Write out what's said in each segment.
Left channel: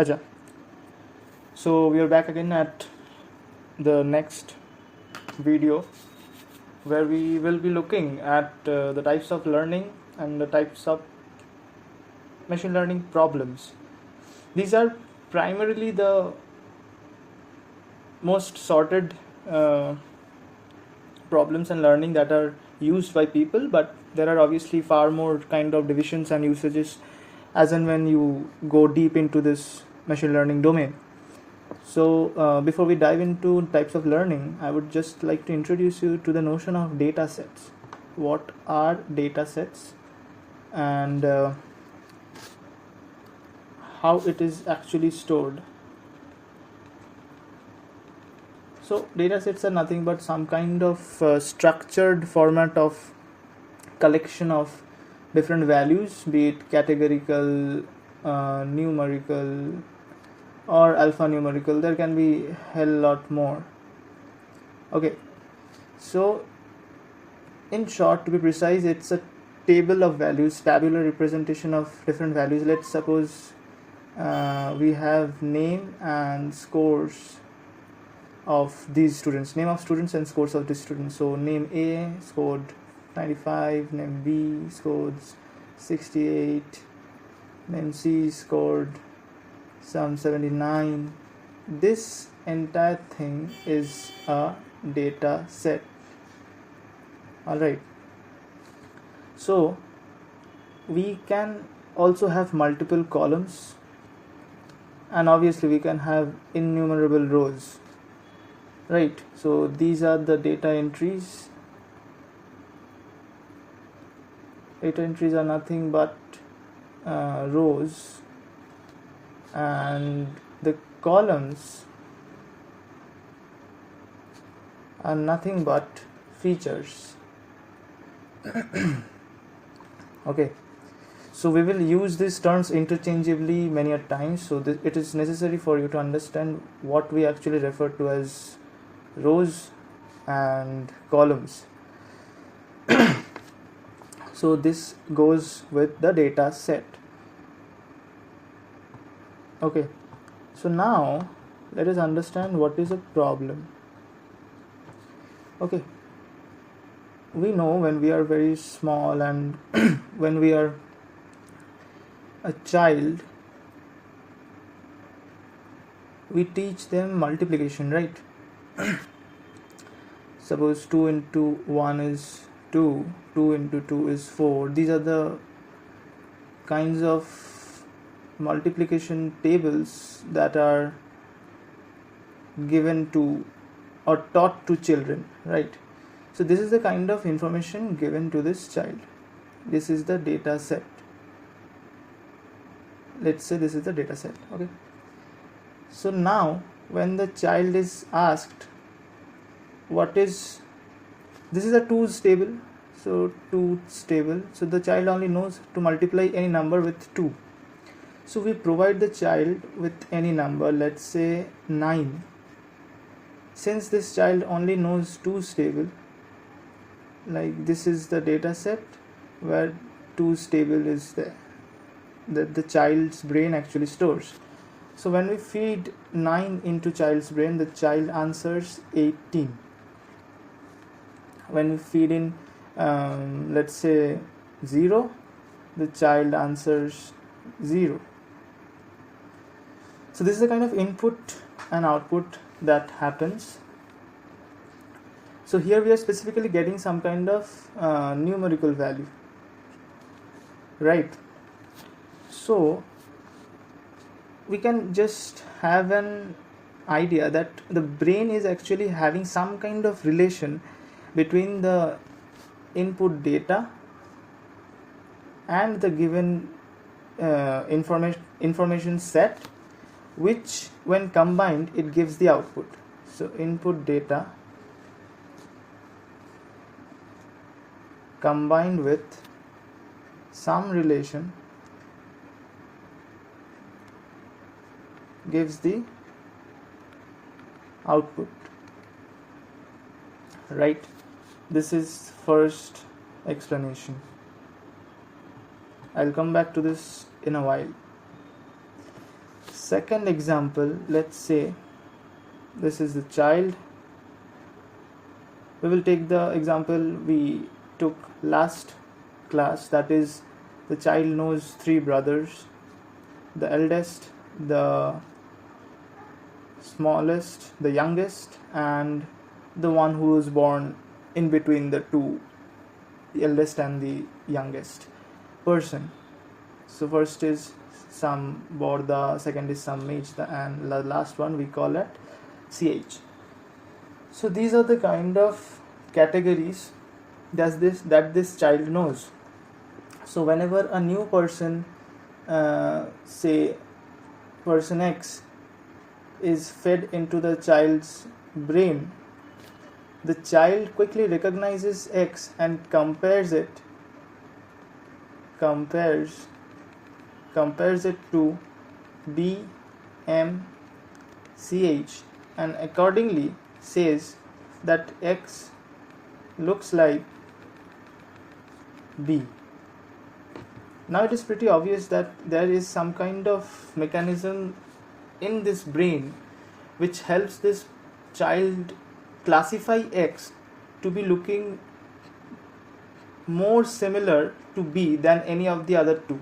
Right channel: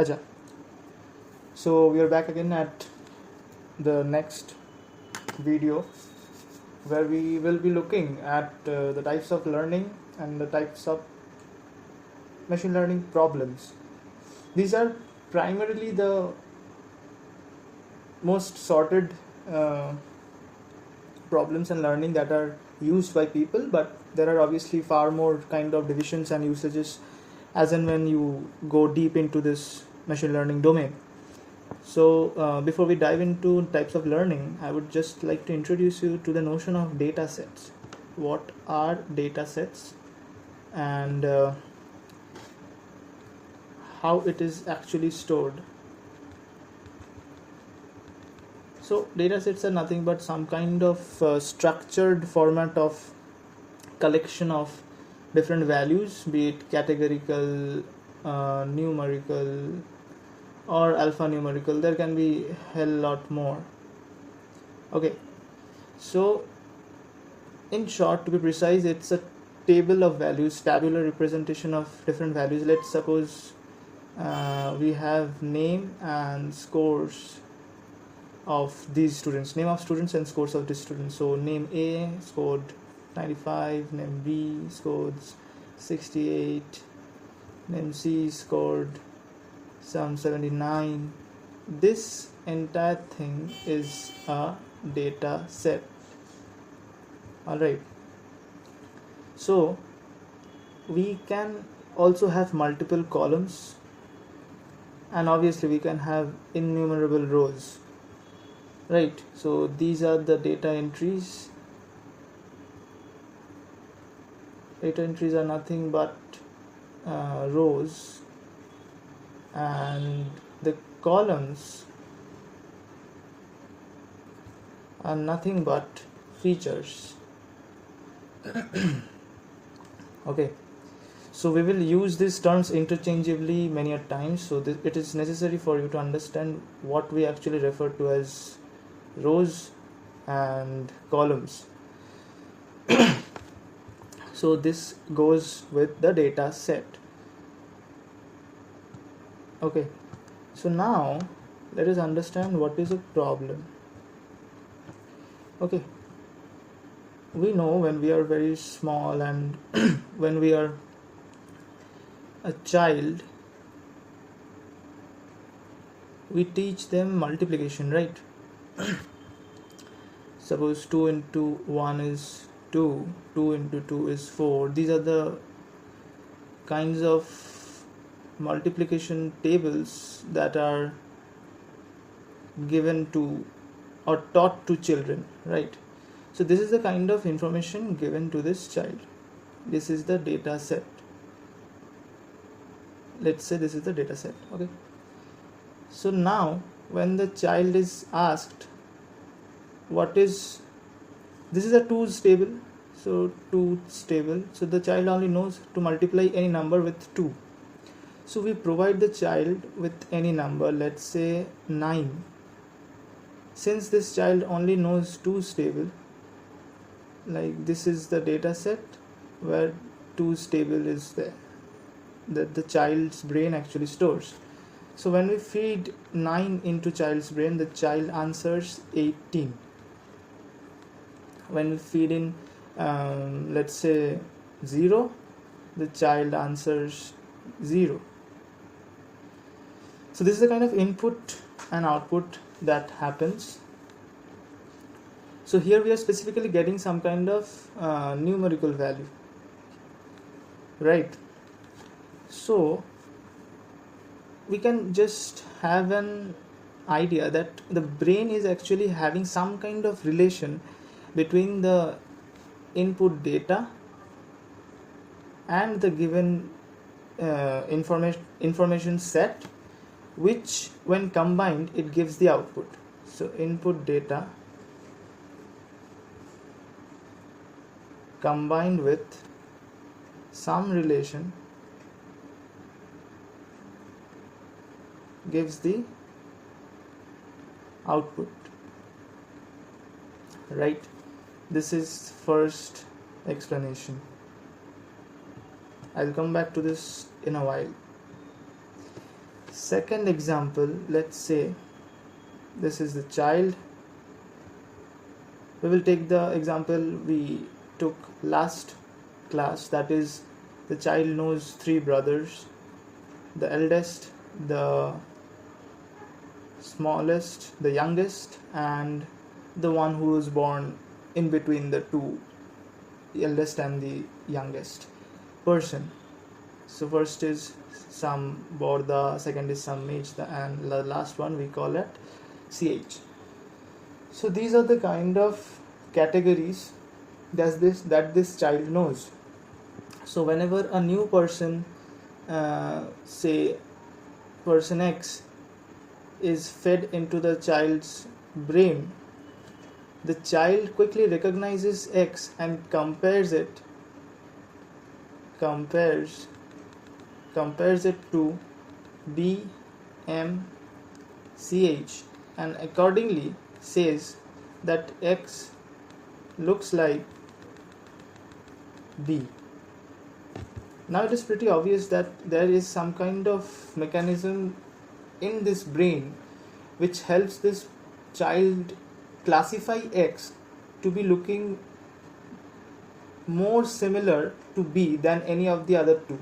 Acha. So we are back again at the next video where we will be looking at the types of learning and the types of machine learning problems. These are primarily the most sorted problems and learning that are used by people, but there are obviously far more kind of divisions and usages as and when you go deep into this machine learning domain. So before we dive into types of learning, I would just like to introduce you to the notion of data sets. What are data sets and how it is actually stored? So data sets are nothing but some kind of structured format of collection of different values, be it categorical, numerical, or alphanumerical. There can be a hell lot more. Okay, so in short, to be precise, it's a table of values, tabular representation of different values. Let's suppose we have name and scores of these students, name of students and scores of these students. So name A scored 95, name B scored 68, name C scored some 79. This entire thing is a data set. Alright, so we can also have multiple columns, and obviously we can have innumerable rows. Right, so these are the data entries. Data entries are nothing but rows, and the columns are nothing but features. Okay, so we will use these terms interchangeably many a times, so it is necessary for you to understand what we actually refer to as rows and columns. So this goes with the data set. Okay, so now let us understand what is a problem. Okay, we know when we are very small and when we are a child, we teach them multiplication, right? Suppose 2 into 1 is 2, 2 into 2 is 4. These are the kinds of multiplication tables that are given to or taught to children, right? So this is the kind of information given to this child. This is the data set. Let's say this is the data set. Okay, so now when the child is asked this is a 2's table, so 2's table, so the child only knows to multiply any number with 2. So we provide the child with any number, let's say 9. Since this child only knows 2's table, like this is the data set where 2's table is there, that the child's brain actually stores. So when we feed 9 into child's brain, the child answers 18. When we feed in let's say 0, the child answers 0. So this is the kind of input and output that happens. So here we are specifically getting some kind of numerical value, right? So we can just have an idea that the brain is actually having some kind of relation between the input data and the given information set, which when combined it gives the output. So input data combined with some relation gives the output, right? This is first explanation. I'll come back to this in a while. second example, let's say this is the child. We will take the example we took last class, that is the child knows three brothers, the eldest, the smallest, the youngest, and the one who was born in between the two, the eldest and the youngest person. So first is some Borda, second is some Mejda, and the last one we call it CH. So these are the kind of categories that this child knows. So whenever a new person, say person X, is fed into the child's brain, the child quickly recognizes X and compares it to B, M, CH, and accordingly says that X looks like B. Now it is pretty obvious that there is some kind of mechanism in this brain which helps this child classify X to be looking more similar to B than any of the other two,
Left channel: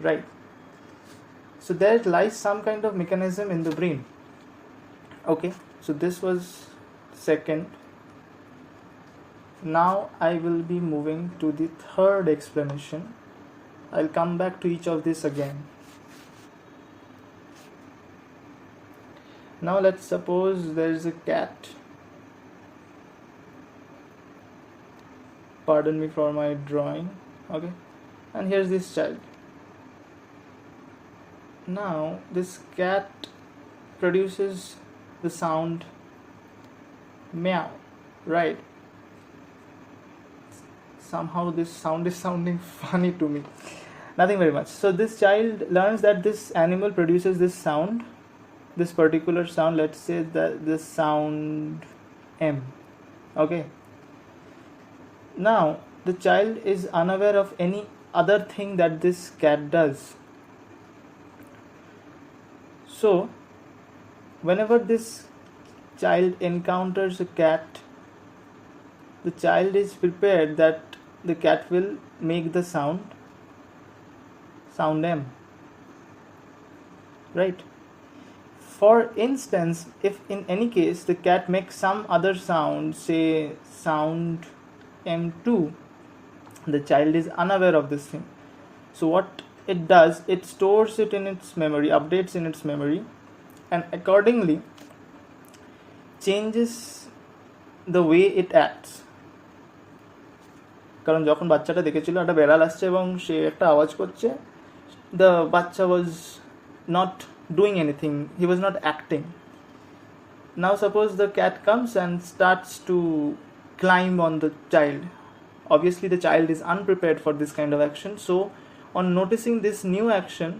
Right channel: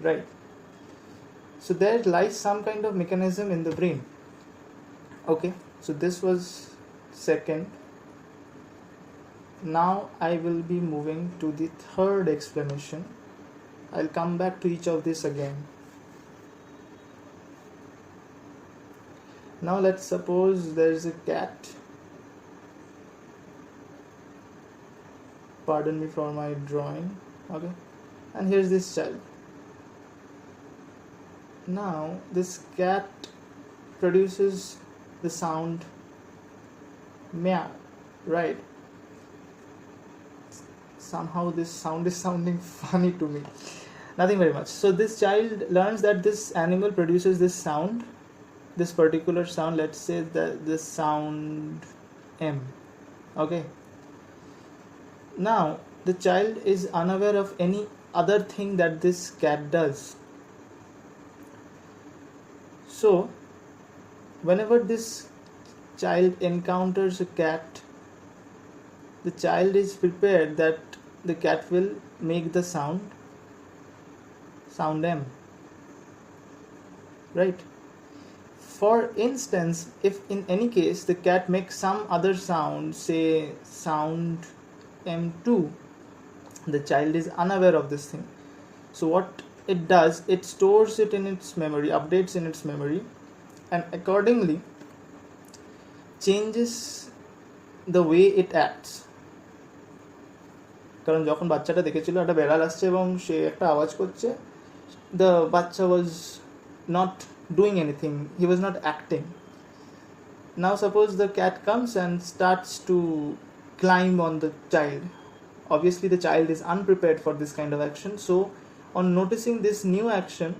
right? So there lies some kind of mechanism in the brain. Okay, so this was second. Now I will be moving to the third explanation. I'll come back to each of this again. Now let's suppose there is a cat. Pardon me for my drawing. Okay, and here's this child. Now this cat produces the sound meow, right? Somehow this sound is sounding funny to me. Nothing very much. So this child learns that this animal produces this sound, this particular sound. Let's say that this sound M. Okay. Now the child is unaware of any other thing that this cat does. So whenever this child encounters a cat, the child is prepared that the cat will make the sound M, right? For instance, if in any case the cat makes some other sound, say sound M2, the child is unaware of this thing. So what it does, it stores it in its memory, updates in its memory, and accordingly changes the way it acts. কারণ যখন বাচ্চাটা দেখেছিল একটা বেড়াল আসছে এবং সে একটা আওয়াজ করছে, the বাচ্চা was not doing anything, he was not acting. Now suppose the cat comes and starts to climb on the child. Obviously the child is unprepared for this kind of action, so on noticing this new action,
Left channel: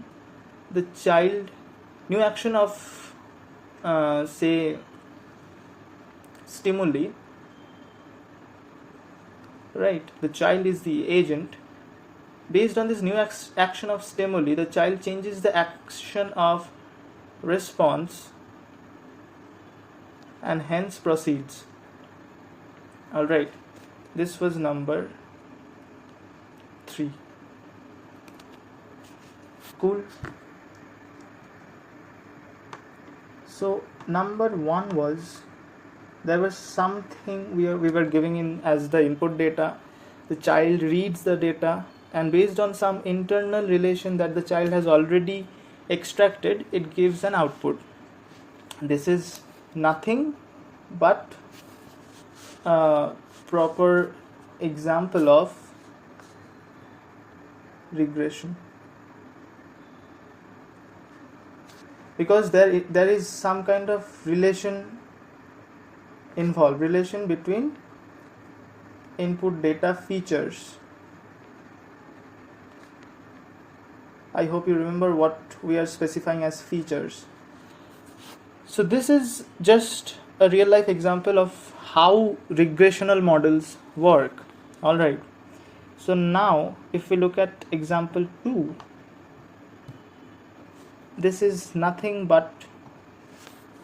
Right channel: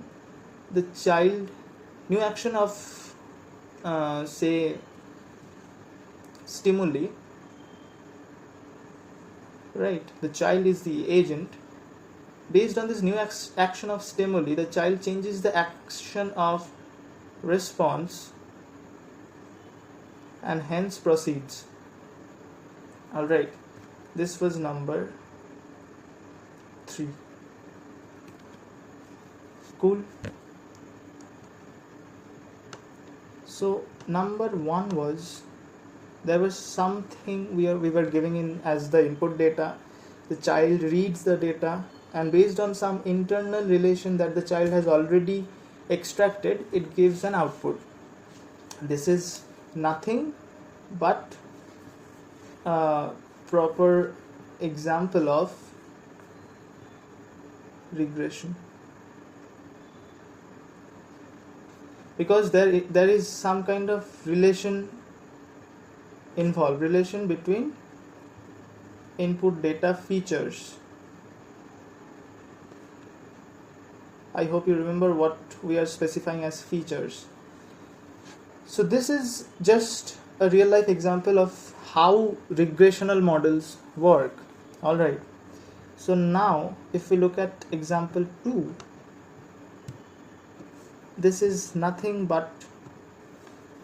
the child, new action of say stimuli, right, the child is the agent. Based on this new action of stimuli, the child changes the action of response and hence proceeds. Alright, this was number 3. Cool. So number 1 was, there was something we were giving in as the input data. The child reads the data, and based on some internal relation that the child has already extracted, it gives an output. This is nothing but a proper example of regression, because there is some kind of relation involved, relation between input data features. I hope you remember what we are specifying as features. So this is just a real life example of how regressional models work. Alright, so now if we look at example 2, this is nothing but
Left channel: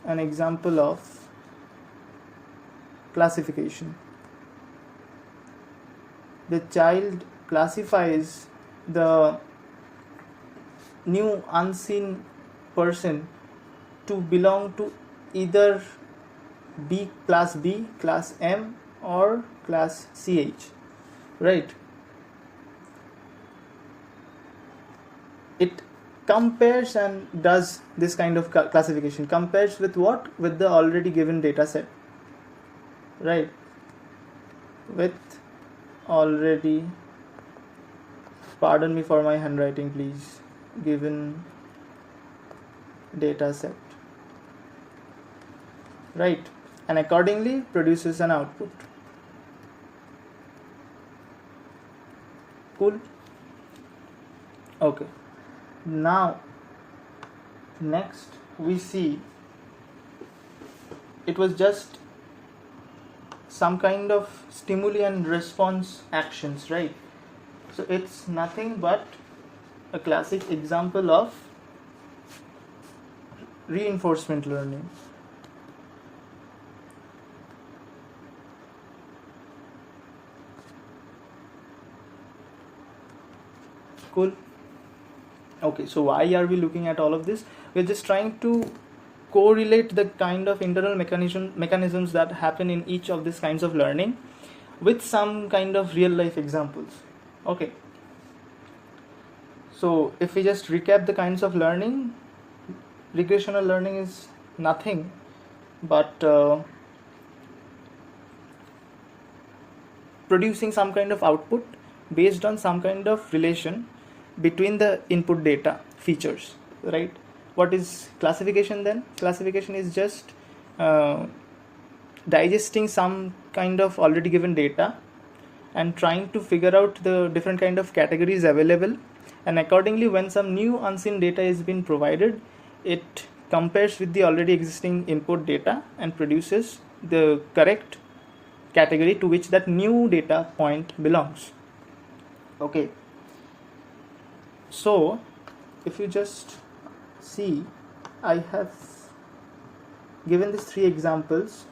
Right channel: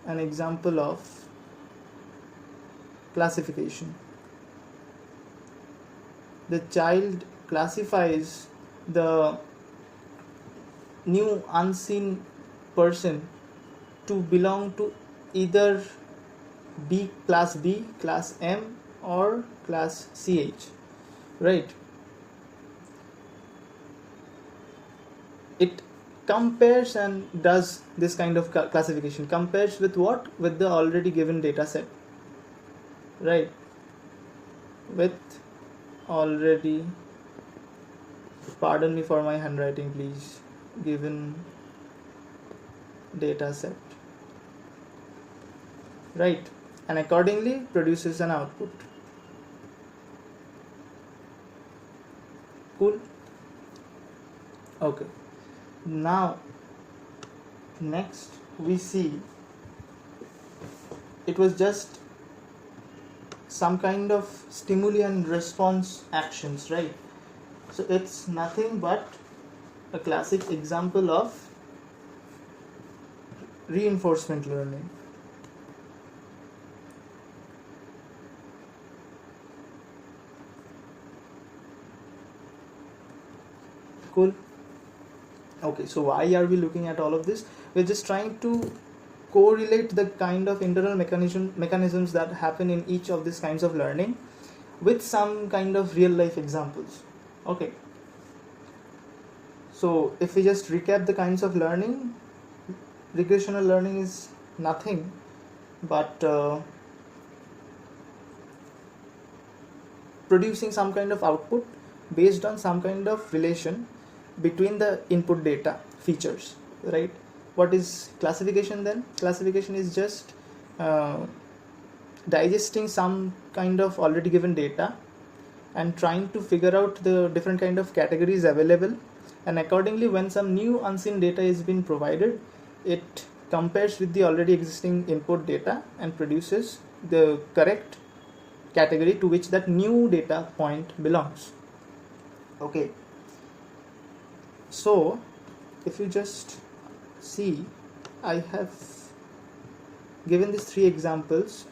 an example of classification. The child classifies the new unseen person to belong to either class B, class M, or class CH, right? It compares and does this kind of classification. Compares with what? With the already given data set, right? With already, pardon me for my handwriting please, given data set, right? And accordingly produces an output. Cool. Okay, now next we see it was just some kind of stimuli and response actions, right? So it's nothing but a classic example of reinforcement learning. Cool. Okay, so why are we looking at all of this? We're just trying to correlate the kind of internal mechanisms that happen in each of these kinds of learning with some kind of real life examples. Okay, so if we just recap the kinds of learning, regressional learning is nothing but producing some kind of output based on some kind of relation between the input data features, right? What is classification then? Classification is just digesting some kind of already given data and trying to figure out the different kind of categories available, and accordingly when some new unseen data is being provided, it compares with the already existing input data and produces the correct category to which that new data point belongs. Okay, so if you just see, I have given these three examples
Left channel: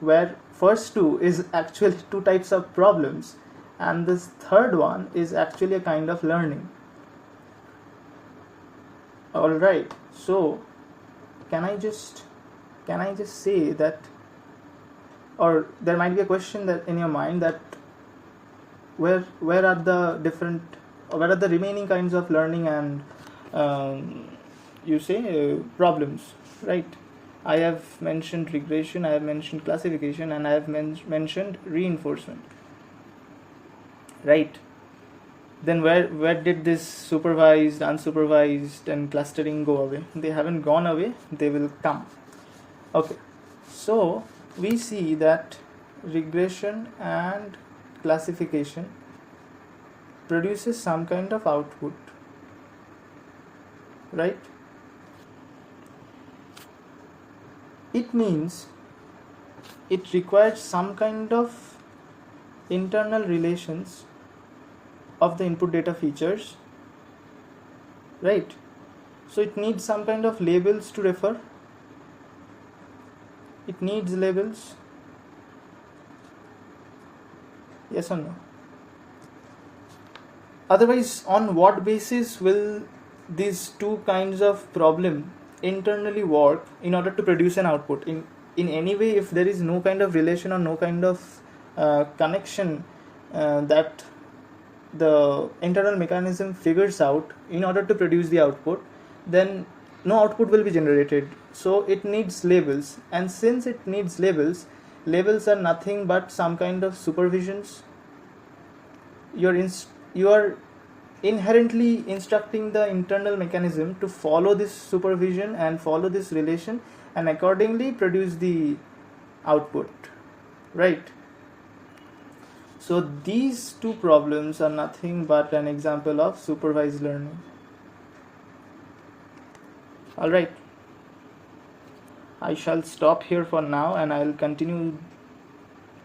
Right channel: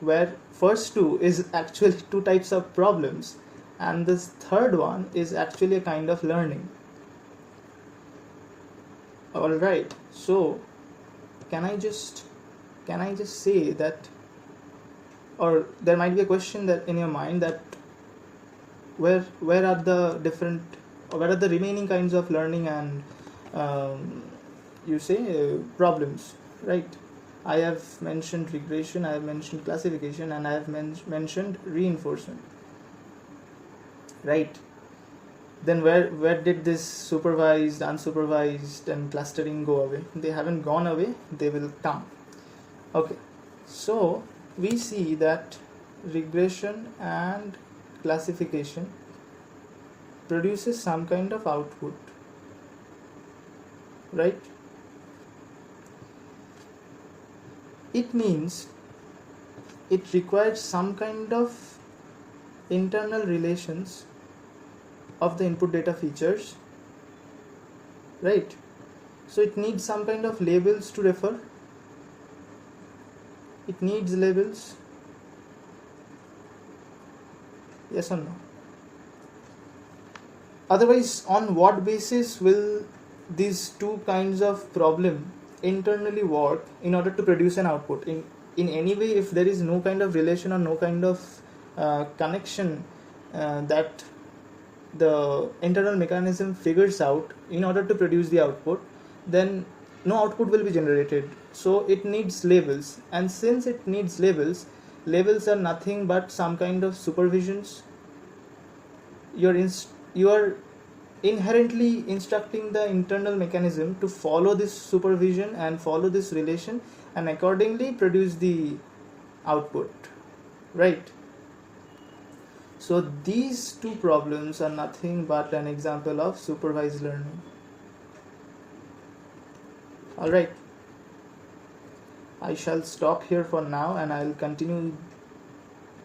where first two is actually two types of problems and this third one is actually a kind of learning. Alright, so can I just say that, or there might be a question that in your mind that where are the different, or where are the remaining kinds of learning and problems, right? I have mentioned regression, I have mentioned classification, and I have mentioned reinforcement, right? Then where did this supervised, unsupervised, and clustering go away? They haven't gone away, they will come. Okay, so we see that regression and classification produces some kind of output, right? It means it requires some kind of internal relations of the input data features, right? So it needs some kind of labels to refer. It needs labels. Yes or no? Otherwise, on what basis will these two kinds of problem internally work in order to produce an output? In any way, if there is no kind of relation or no kind of connection that the internal mechanism figures out in order to produce the output, then no output will be generated. So it needs labels, and since it needs labels, labels are nothing but some kind of supervisions. You are inherently instructing the internal mechanism to follow this supervision and follow this relation and accordingly produce the output, right? So these two problems are nothing but an example of supervised learning. Alright, I shall stop here for now and I'll continue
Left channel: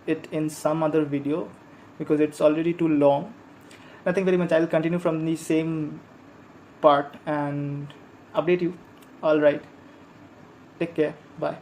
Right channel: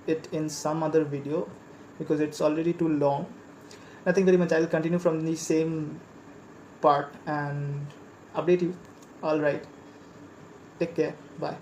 it in some other video because it's already too long. Nothing very much, I'll continue from the same part and update you. All right, take care, bye.